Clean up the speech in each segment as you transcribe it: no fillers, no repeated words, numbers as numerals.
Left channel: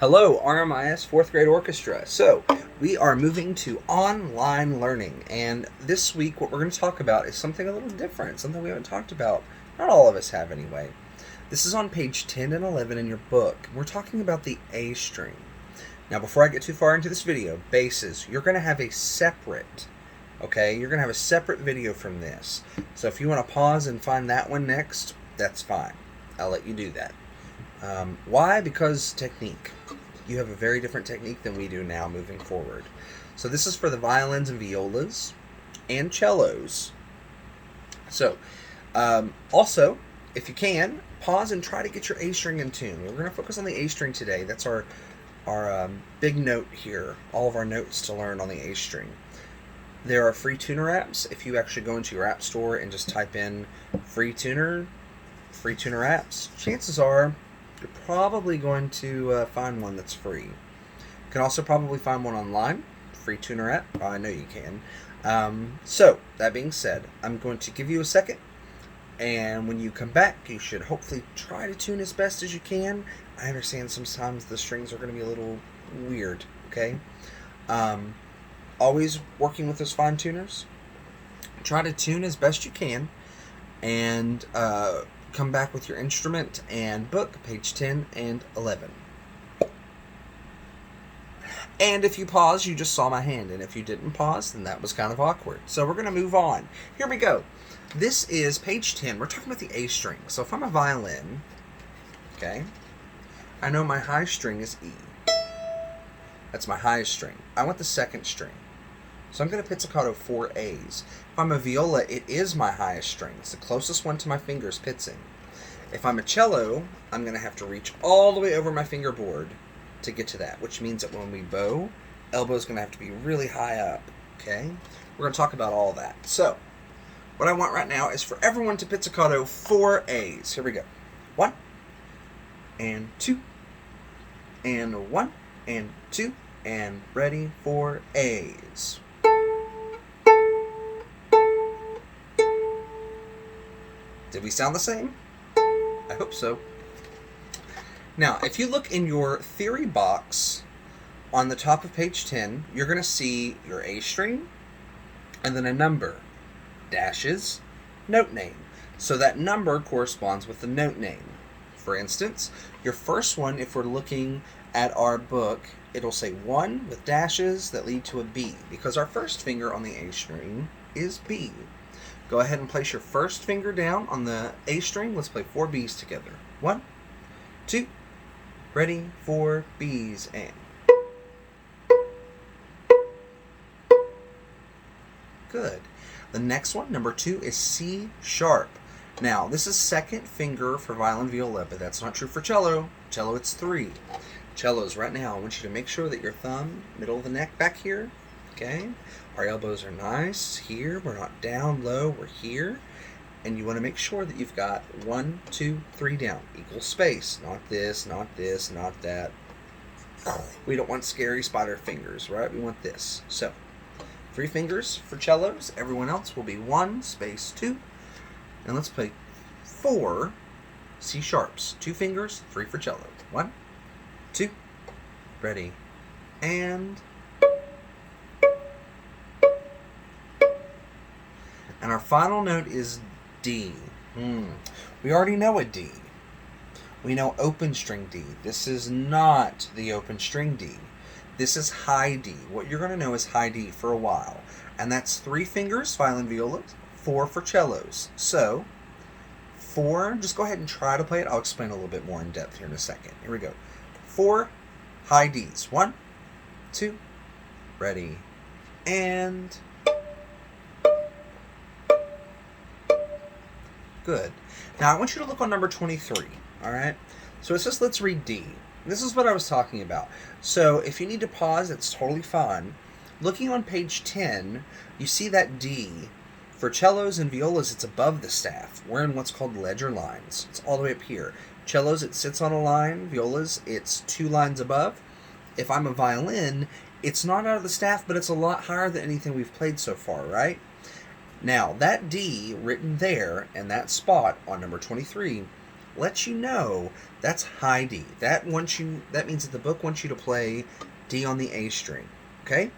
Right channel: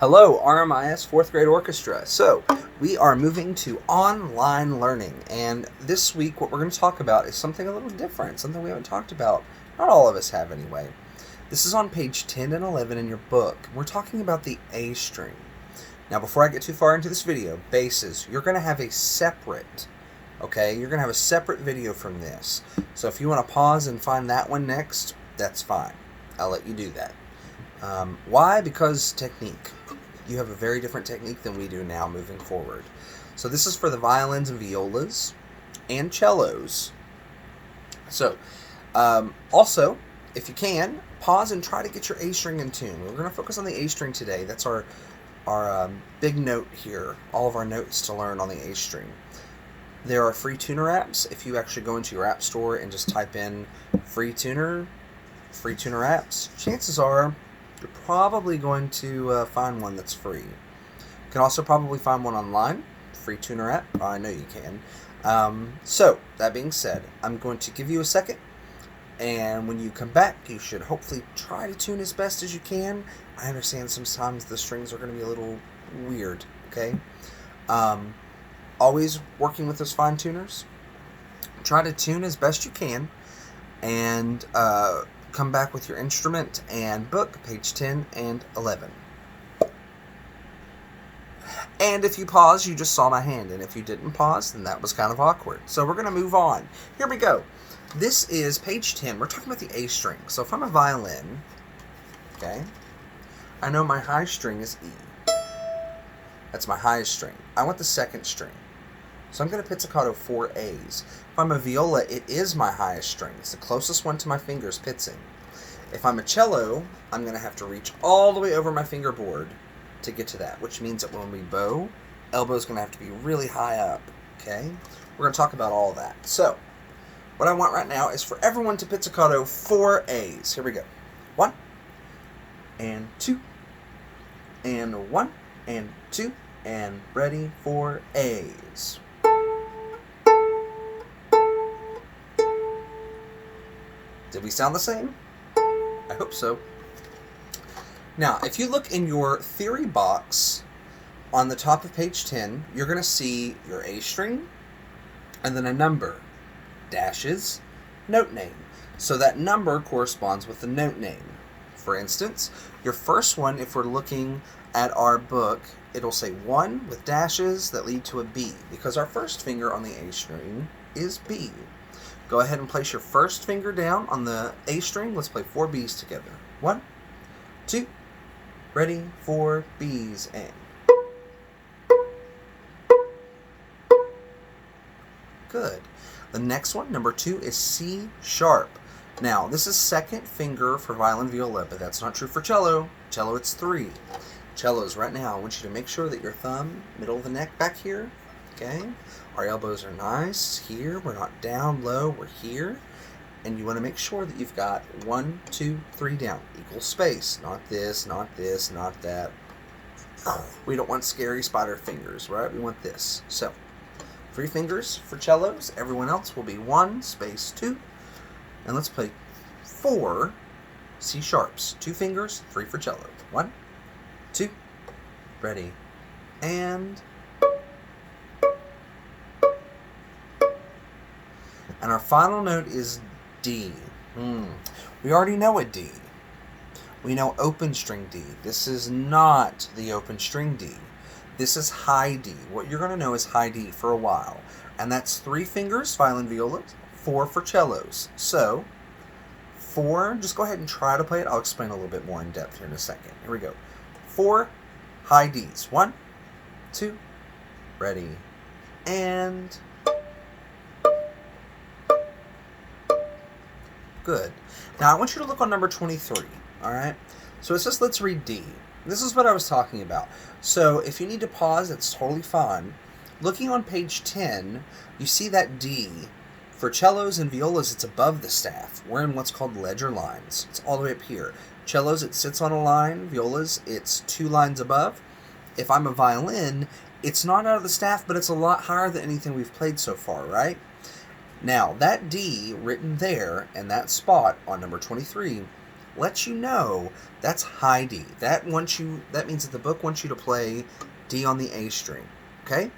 Hello, RMIS 4th grade orchestra. So, we are moving to online learning, and this week what we're going to talk about is something a little different, something we haven't talked about. Not all of us have anyway. This is on page 10 and 11 in your book. We're talking about the A string. Now, before I get too far into this video, basses, you're going to have a separate, you're going to have a separate video from this. So if you want to pause and find that one next, that's fine. I'll let you do that. Why? Because technique. You have a very different technique than we do now moving forward. So this is for the violins and violas and cellos. So also, if you can, pause and try to get your A string in tune. We're going to focus on the A string today. That's our big note here. All of our notes to learn on the A string. There are free tuner apps. If you actually go into your app store and just type in free tuner apps, chances are you're probably going to find one that's free. You can also probably find one online, free tuner app. Oh, I know you can. So, that being said, I'm going to give you a second, and when you come back, you should hopefully try to tune as best as you can. I understand sometimes the strings are going to be a little weird, okay? Always working with those fine tuners. Try to tune as best you can, and come back with your instrument and book, page 10 and 11. And if you pause, you just saw my hand, and if you didn't pause, then that was kind of awkward. So we're going to move on. Here we go. This is page 10. We're talking about the A string. So if I'm a violin, okay, I know my high string is E. That's my highest string. I want the second string. So I'm going to pizzicato 4 A's. If I'm a viola, it is my highest string. It's the closest one to my fingers pitzing. If I'm a cello, I'm going to have to reach all the way over my fingerboard to get to that, which means that when we bow, elbow's going to have to be really high up, okay? We're going to talk about all that. So, what I want right now is for everyone to pizzicato 4 A's. Here we go. 1, and 2, and 1, and 2, and ready for A's. Did we sound the same? I hope so. Now, if you look in your theory box on the top of page 10, you're going to see your A string and then a number, dashes, note name. So that number corresponds with the note name. For instance, your first one, if we're looking at our book, it'll say 1 with dashes that lead to a B, because our first finger on the A string is B. Go ahead and place your first finger down on the A string. Let's play 4 B's together. 1, 2, ready, 4 B's, and. Good. The next one, number 2, is C sharp. Now, this is second finger for violin, viola, but that's not true for cello. Cello, it's 3. Cellos, right now, I want you to make sure that your thumb, middle of the neck back here, okay? Our elbows are nice here. We're not down low. We're here. And you want to make sure that you've got 1, 2, 3 down. Equal space. Not this, not this, not that. We don't want scary spider fingers, right? We want this. So, 3 fingers for cellos. Everyone else will be 1, space 2. And let's play 4 C sharps. 2 fingers, 3 for cello. 1, 2, ready, and. And our final note is D. We already know a D. We know open string D. This is not the open string D. This is high D. What you're going to know is high D for a while. And that's 3 fingers, violin, viola, 4 for cellos. So, 4, just go ahead and try to play it. I'll explain a little bit more in depth here in a second. Here we go. 4 high Ds. 1, 2, ready, and. Good. Now, I want you to look on number 23, all right? So it says, let's read D. This is what I was talking about. So if you need to pause, it's totally fine. Looking on page 10, you see that D. For cellos and violas, it's above the staff. We're in what's called ledger lines. It's all the way up here. Cellos, it sits on a line. Violas, it's 2 lines above. If I'm a violin, it's not out of the staff, but it's a lot higher than anything we've played so far, right? Now, that D written there and that spot on number 23 lets you know that's high D. That means that the book wants you to play D on the A string. Okay?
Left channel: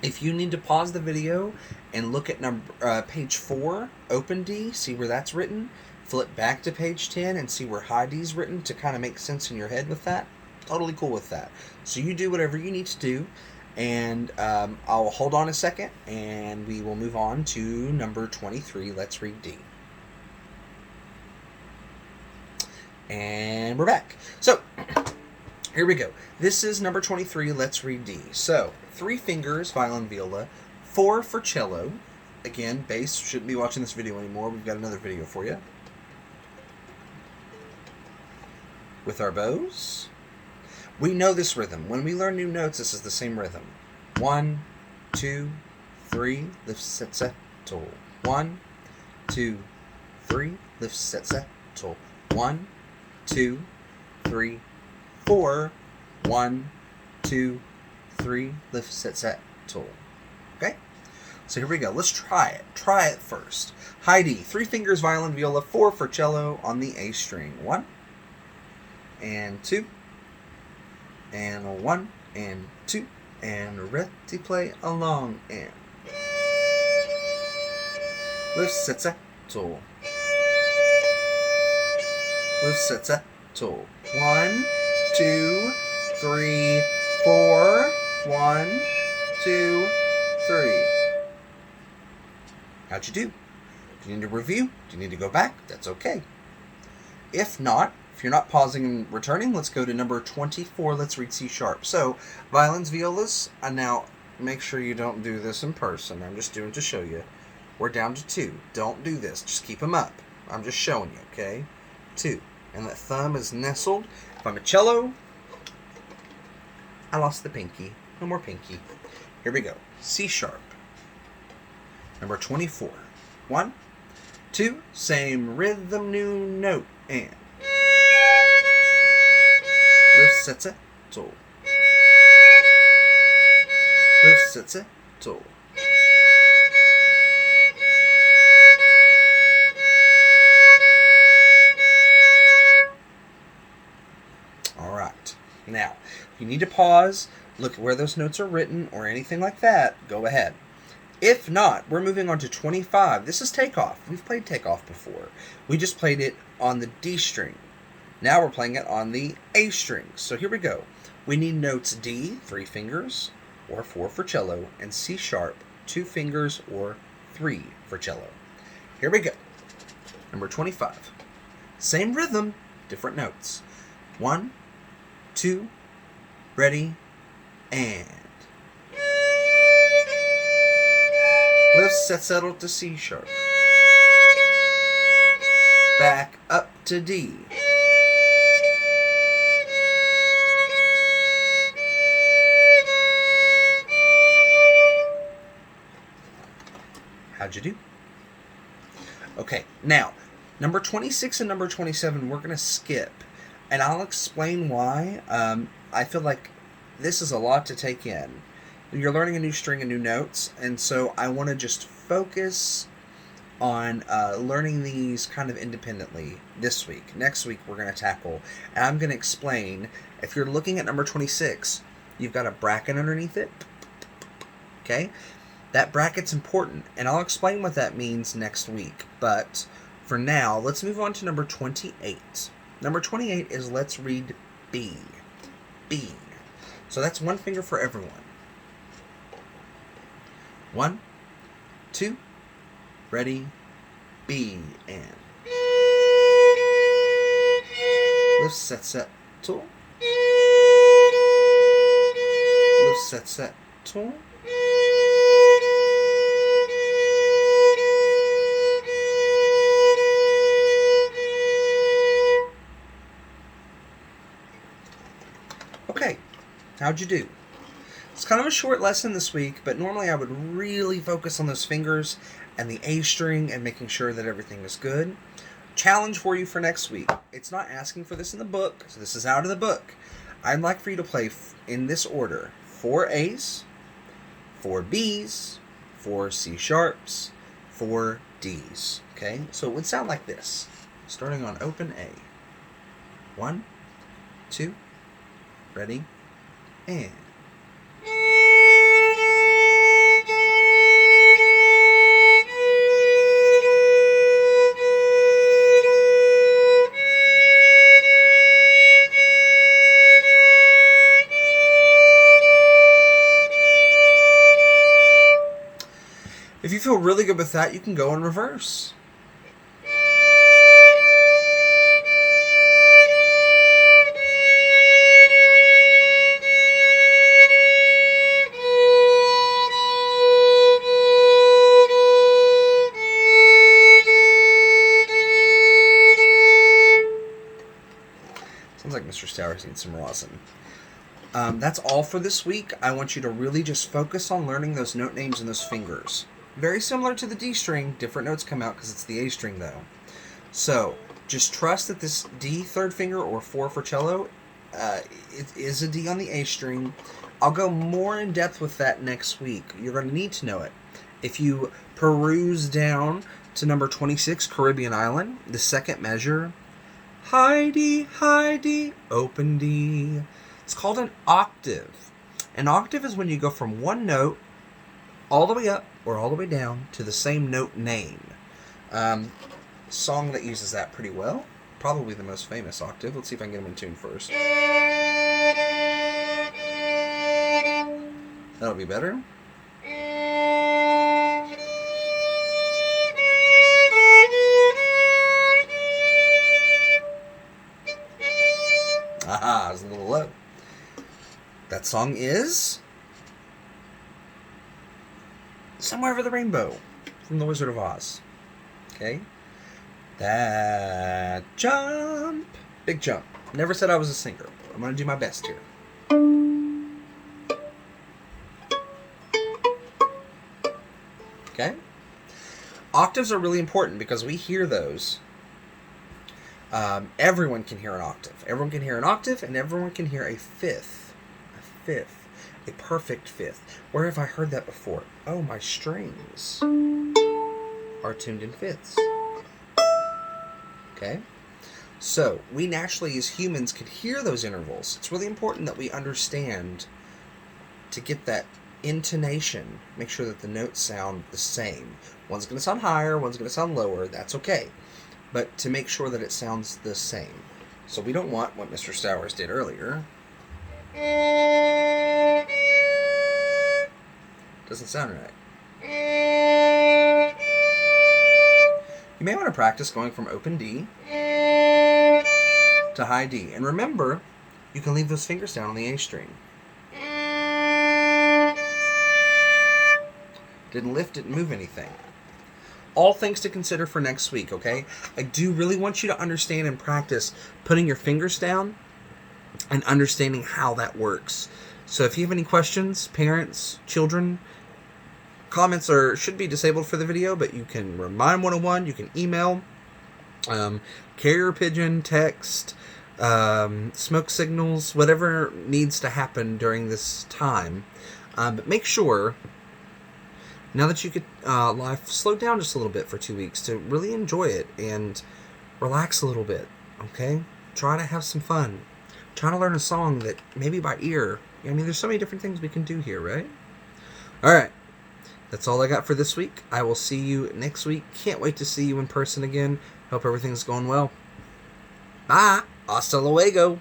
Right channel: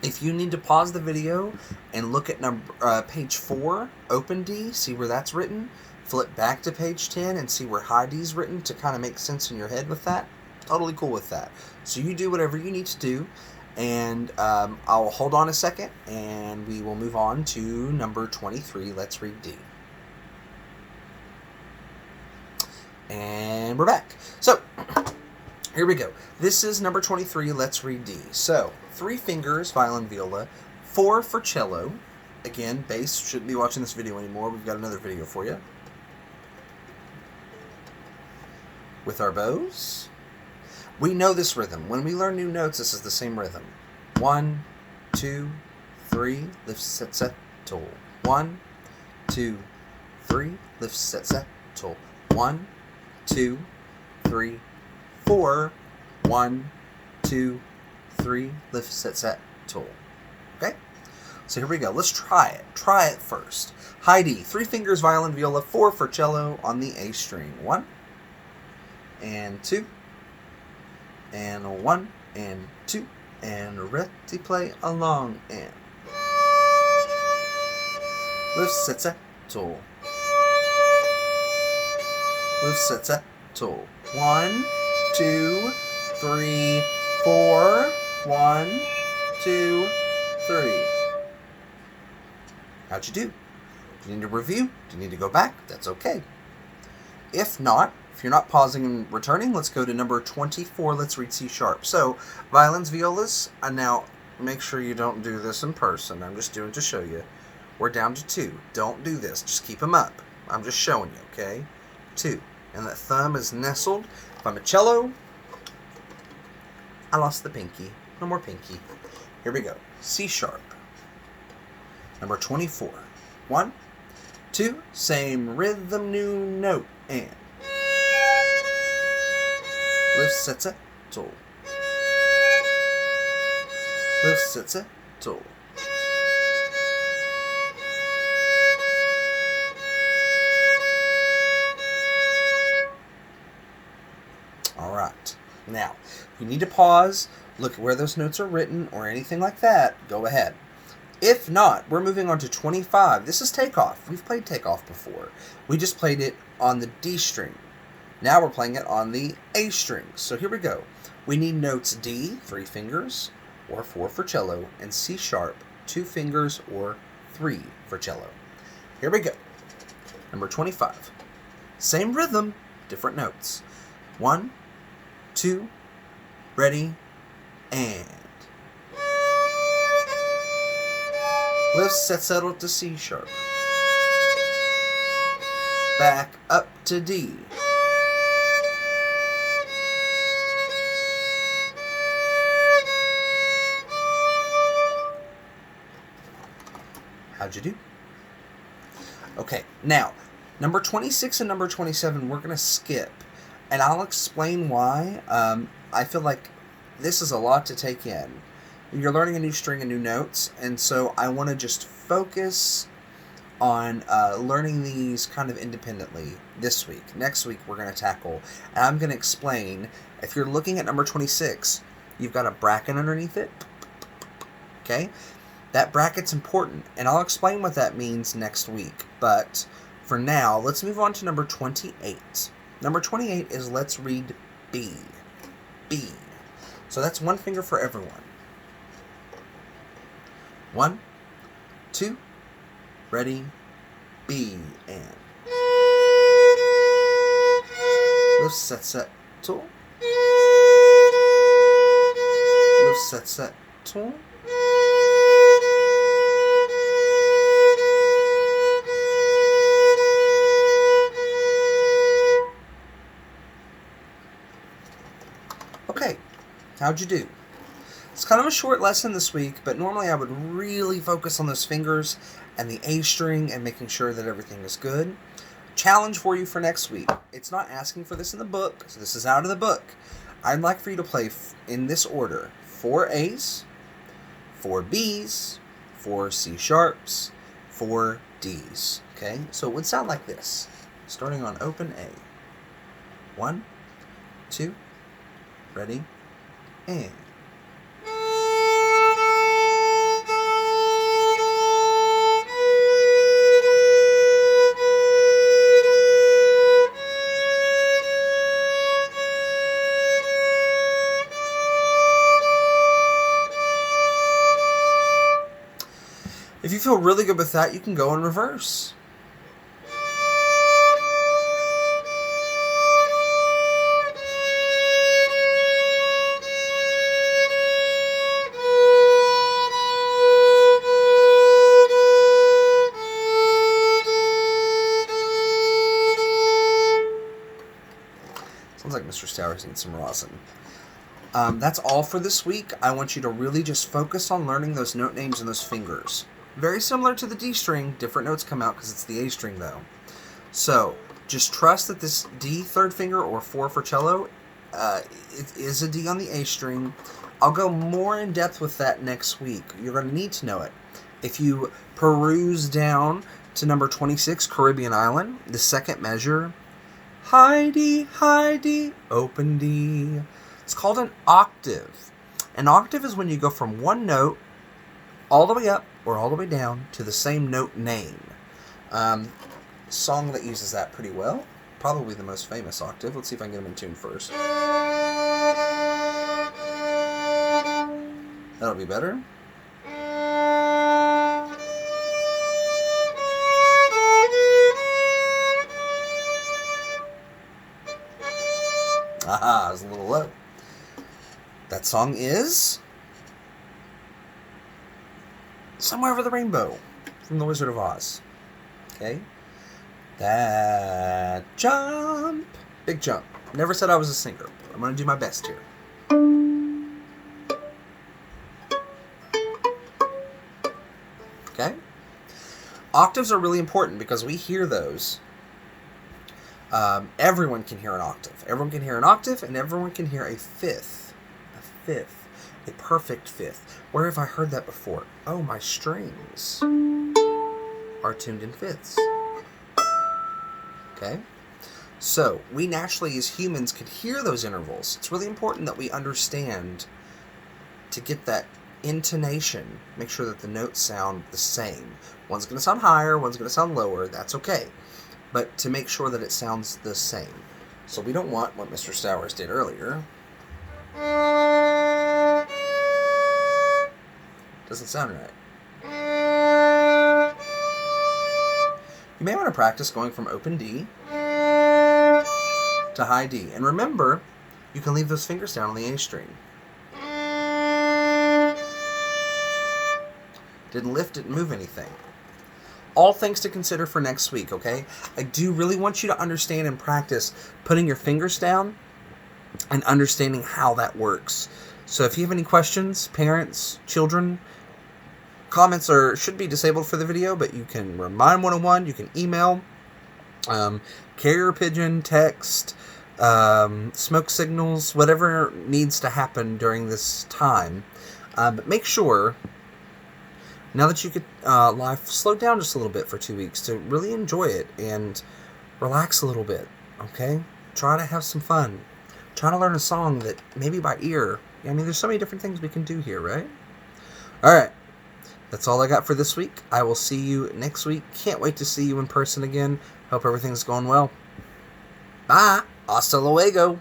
If you need to pause the video and look at page 4, open D, see where that's written, flip back to page 10 and see where high D is written to kind of make sense in your head with that, totally cool with that. So you do whatever you need to do, and I'll hold on a second, and we will move on to number 23. Let's read D. And we're back. So, here we go. This is number 23. Let's read D. So, 3 fingers, violin, viola, 4 for cello. Again, bass, shouldn't be watching this video anymore. We've got another video for you. With our bows. We know this rhythm. When we learn new notes, this is the same rhythm. 1, 2, 3, lift, set, set, toll. 1, 2, 3, lift, set, set, toll. 1, 2, 3, 4. 1, 2, 3, lift, set, set, toll. Okay? So here we go. Let's try it. Try it first. High D. 3 fingers, violin, viola, 4 for cello on the A string. 1, and 2, and 1, and 2, and ready, play along, and lift, set, set, toll. Lift, set, set, toll. 1, 2, 3, 4. 1, 2, 3. How'd you do? Do you need to review? Do you need to go back? That's okay. If not, if you're not pausing and returning, let's go to number 24. Let's read C sharp. So, violins, violas, and now make sure you don't do this in person. I'm just doing to show you. We're down to 2. Don't do this. Just keep them up. I'm just showing you, okay? 2. And that thumb is nestled. If I'm a cello, I lost the pinky. No more pinky. Here we go. C sharp. Number 24. 1, 2, same rhythm, new note, and lift, set, set, toll. Lift, set, set, toll. All right. Now, if you need to pause, look at where those notes are written or anything like that, go ahead. If not, we're moving on to 25. This is takeoff. We've played takeoff before. We just played it on the D string. Now we're playing it on the A string. So here we go. We need notes D, 3 fingers, or 4 for cello, and C sharp, 2 fingers, or 3 for cello. Here we go. Number 25. Same rhythm, different notes. 1, 2, ready, and lift, set, settle to C sharp. Back up to D. How'd you do? Okay, now, number 26 and number 27 we're going to skip. And I'll explain why. I feel like this is a lot to take in. You're learning a new string and new notes, and so I want to just focus on learning these kind of independently this week. Next week we're going to tackle, and I'm going to explain, if you're looking at number 26, you've got a bracket underneath it. Okay? That bracket's important, and I'll explain what that means next week. But for now, let's move on to number 28. Number 28 is let's read B. B. So that's 1 finger for everyone. 1, 2, ready, B, and lift, set, set, tool. Lift, set, set, tool. Okay, how'd you do? It's kind of a short lesson this week, but normally I would really focus on those fingers and the A string and making sure that everything is good. Challenge for you for next week. It's not asking for this in the book, so this is out of the book. I'd like for you to play in this order: 4 A's, 4 B's, 4 C sharps, 4 D's. Okay, so it would sound like this. starting on open A. 1, 2, ready, and... If you feel really good with that, you can go in reverse. Sounds like Mr. Stowers needs some rosin. That's all for this week. I want you to really just focus on learning those note names and those fingers. Very similar to the D string, different notes come out because it's the A string though. So just trust that this D third finger, or 4 for cello, it is a D on the A string. I'll go more in depth with that next week. You're going to need to know it. If you peruse down to number 26, Caribbean Island, the second measure, high D, open D. It's called an octave. An octave is when you go from one note all the way up or all the way down to the same note name. Song that uses that pretty well. Probably the most famous octave. Let's see if I can get them in tune first. That'll be better. Aha, it was a little low. That song is Somewhere Over the Rainbow from The Wizard of Oz. Okay? That jump. Big jump. Never said I was a singer. I'm going to do my best here. Okay? Octaves are really important because we hear those. Everyone can hear an octave. Everyone can hear an octave, and everyone can hear a fifth. A fifth. A perfect fifth. Where have I heard that before? Oh, my strings are tuned in fifths. Okay? So, we naturally as humans can hear those intervals. It's really important that we understand to get that intonation. Make sure that the notes sound the same. One's going to sound higher, one's going to sound lower. That's okay. But to make sure that it sounds the same. So we don't want what Mr. Stowers did earlier. Doesn't sound right. You may want to practice going from open D to high D. And remember, you can leave those fingers down on the A string. Didn't lift, didn't move anything. All things to consider for next week, okay? I do really want you to understand and practice putting your fingers down and understanding how that works. So if you have any questions, parents, children, comments should be disabled for the video, but you can remind 101, you can email, carrier pigeon, text, smoke signals, whatever needs to happen during this time. But make sure, now that you get life, slow down just a little bit for 2 weeks to really enjoy it and relax a little bit, okay? Try to have some fun. Try to learn a song that maybe by ear. I mean, there's so many different things we can do here, right? All right. That's all I got for this week. I will see you next week. Can't wait to see you in person again. Hope everything's going well. Bye. Hasta luego.